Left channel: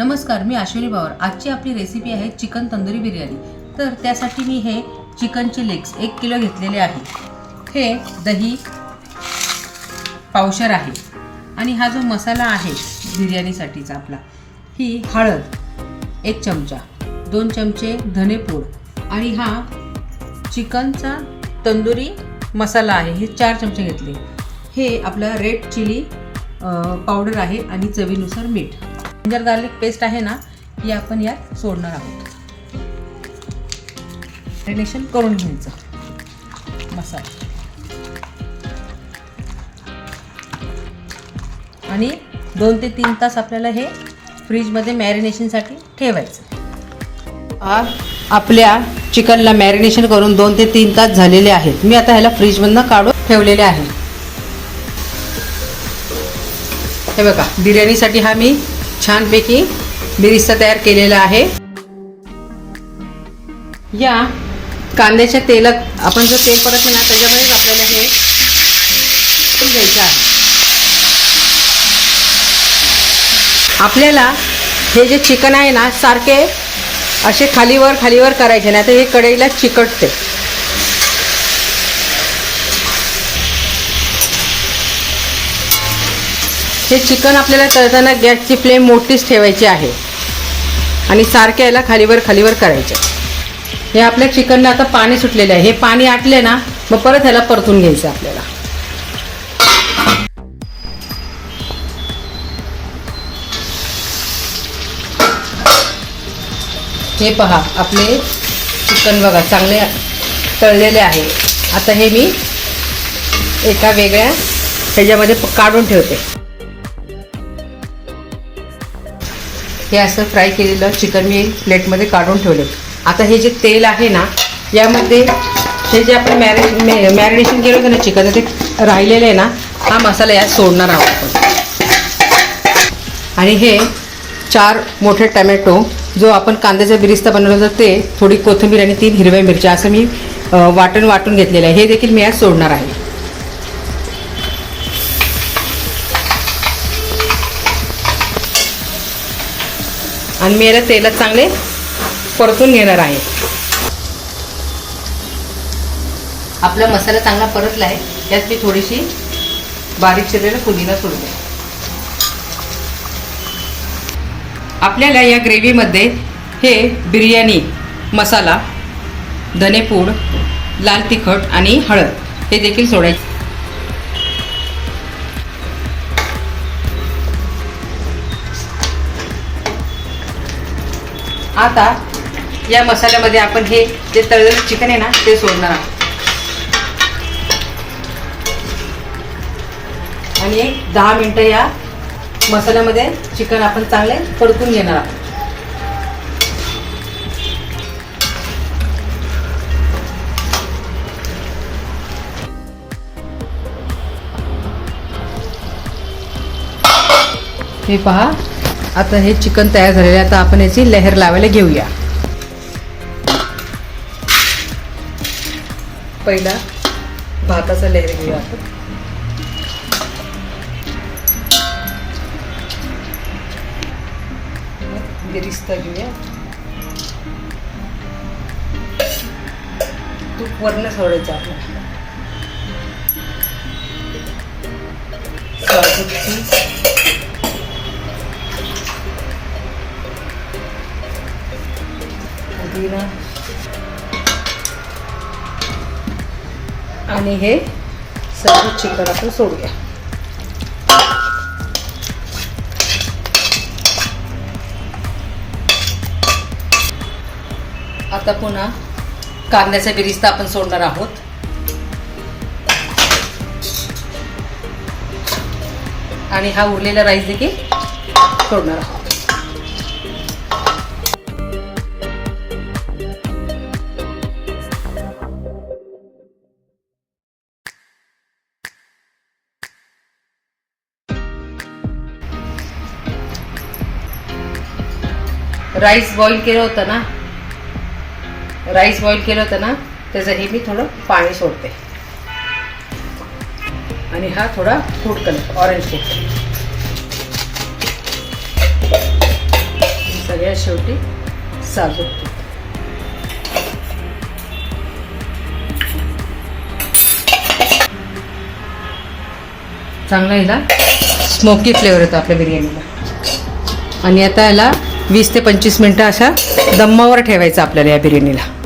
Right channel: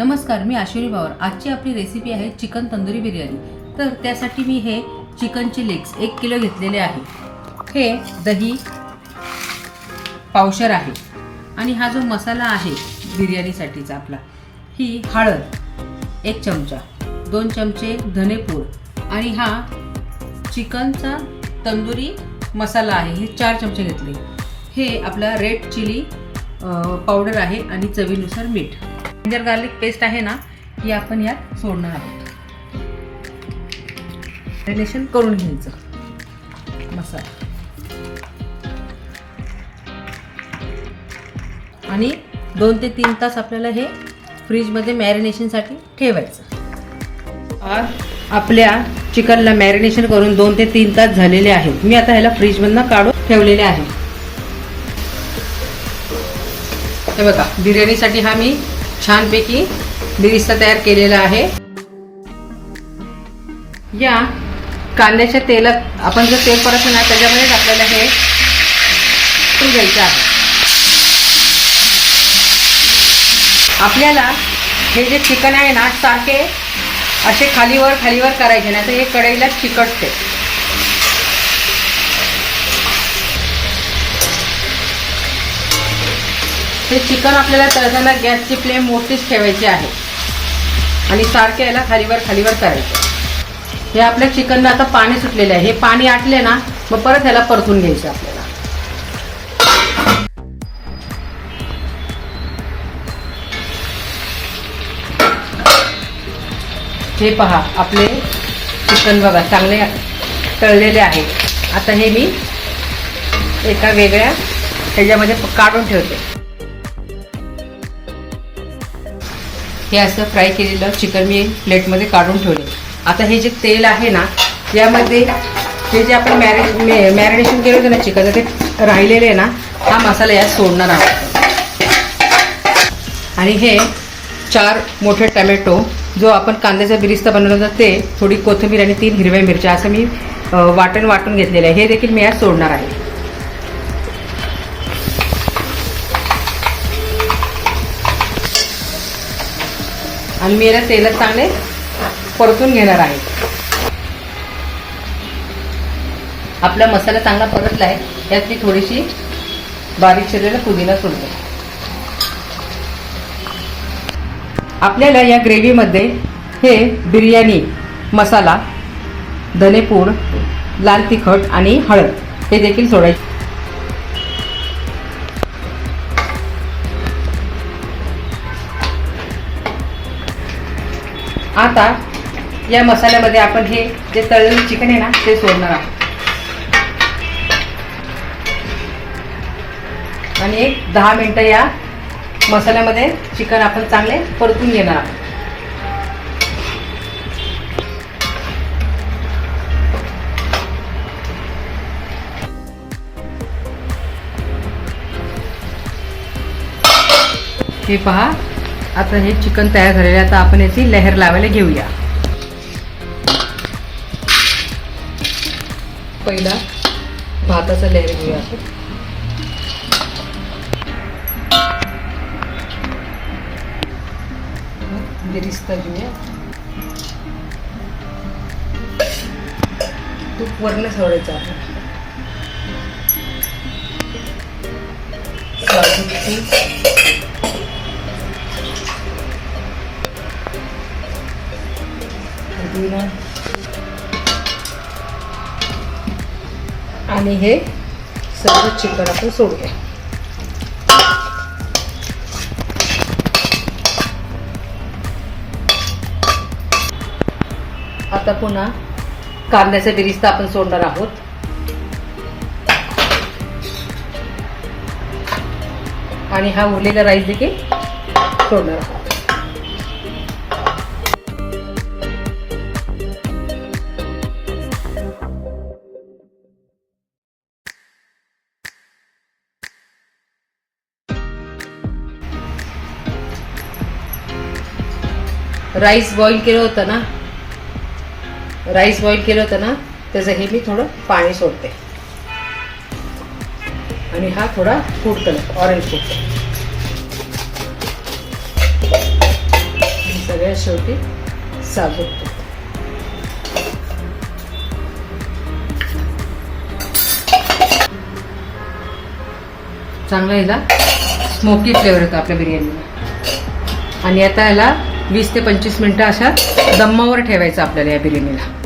नमस्कार, मी अश्विनी पवार। आजची आपली रेसिपी आहे चिकन तंदुरी बिर्याणी। तर त्यासाठी मी हे चिकनचे लेग्स 1 किलो घेतलेले आहे। हे दही पावशर आहे आणि हा जो मसाला आहे बिर्याणीसाठीचा आपला, ही हळद 1 चमचा, 2 चमचे धनेपूड आणि हा चिकनचा तंदुरी मसाला आहे, हे 4 चमचे घेतले। हे आपला रेड चिली पावडर आहे आणि चवीनुसार मीठ। जिंजर गार्लिक पेस्ट आहे ना, ही आपण यात सोडणार आहोत। मॅरिनेशन करून घ्यायचं मसाला आणि 2 ते 3 तास आपल्याला हे फ्रीजमध्ये मॅरिनेशनसाठी ठेवायचं। आपल्या चिकनला मॅरिनेशन करून 2 ते 3 तास झालेले आहेत। मी आता ह्याला फ्रीजमधनं काढून ठेवलेले आहे। हे बघा, बिर्याणीसाठी हा मी छानपैकी बिरिस्ता तयार केलेला आहे। या कांद्याच्या तेलात आपण जर तेल परतलं ना, त्याच्यामध्ये आपल्याला हे घ्यायचं आहे। आपल्याला हे जे चिकन आहे ना, सारखे असे खालीवर करायचे नाही, तर हे कढईला चिकटते। हे चिकन आपल्याला तळताना गॅसची फ्लेम मोठीच ठेवायची आहे आणि सारखे याला खालीवर करायचे। हे आपल्या चिकनला आता पाणी सुटलेले आहे। हे पाणी आटले ना, मग परत ह्याला परतून घ्यायचं आपल्याला। हे पहा, आपले चिकन बघा चांगले तळलेले आहे। आता हे मी एका वेगळ्या ह्याच्यामध्ये काढून ठेवते। हे असं फ्राय केलेलं चिकन मी प्लेटमध्ये काढून ठेवलं। आता हे जे तेल आहे ना, यामध्ये हे जे आपण मॅरिनेशन केलं होतं ना चिकन, ते राहिलेले आहे ना, हा मसाला यात सोडणार आहोत। आणि हे 4 मोठे टमॅटो, जो आपण कांद्याचा बिरिस्ता बनवला होता, ते थोडी कोथिंबीर आणि 3 हिरव्या मिरच्या असं मी वाटून घेतलेलं आहे। हे देखील मी यात सोडणार आहे। आणि मी याला तेलात चांगले परतून घेणार आहे। आपला मसाला चांगला परतला आहे। यात मी थोडीशी बारीक चिरलेला पुदिना सोडते। आपल्याला या ग्रेव्हीमध्ये हे बिर्याणी मसाला, धनेपूड, लाल तिखट आणि हळद हे देखील सोडायचे। आता या मसाल्यामध्ये आपण हे जे तळलेलं चिकन आहे ना, ते सोडणार आहोत आणि 10 मिनिटं या मसाल्यामध्ये चिकन आपण चांगले परतून घेणार आहोत। हे पहा, आता हे चिकन तयार झालेले आहे। आता आपण याची लेयर लावायला घेऊया। पहिला भाताचा लेयर घेऊया आपण। बिरिस्ता घेऊया। तूप वरण सोडायचं आहे। आणि हे सर्व चिकन आपण सोडूया। आता पुन्हा कांद्याचा बिरिस्ता आपण सोडणार आहोत आणि हा उरलेला राईस देखील सोडणार आहोत। राईस बॉईल केलं होतं ना, त्याचं हे मी थोडं पाणी सोडते आणि हा थोडा food colour, orange food colour. सगळ्यात शेवटी साजूक तूप. चांगला याला स्मोकी फ्लेवर येतो आपल्या बिर्याणीला. आणि आता याला 20 ते 25 मिनटं अशा दम्मावर ठेवायचं आपल्याला या बिर्याणीला.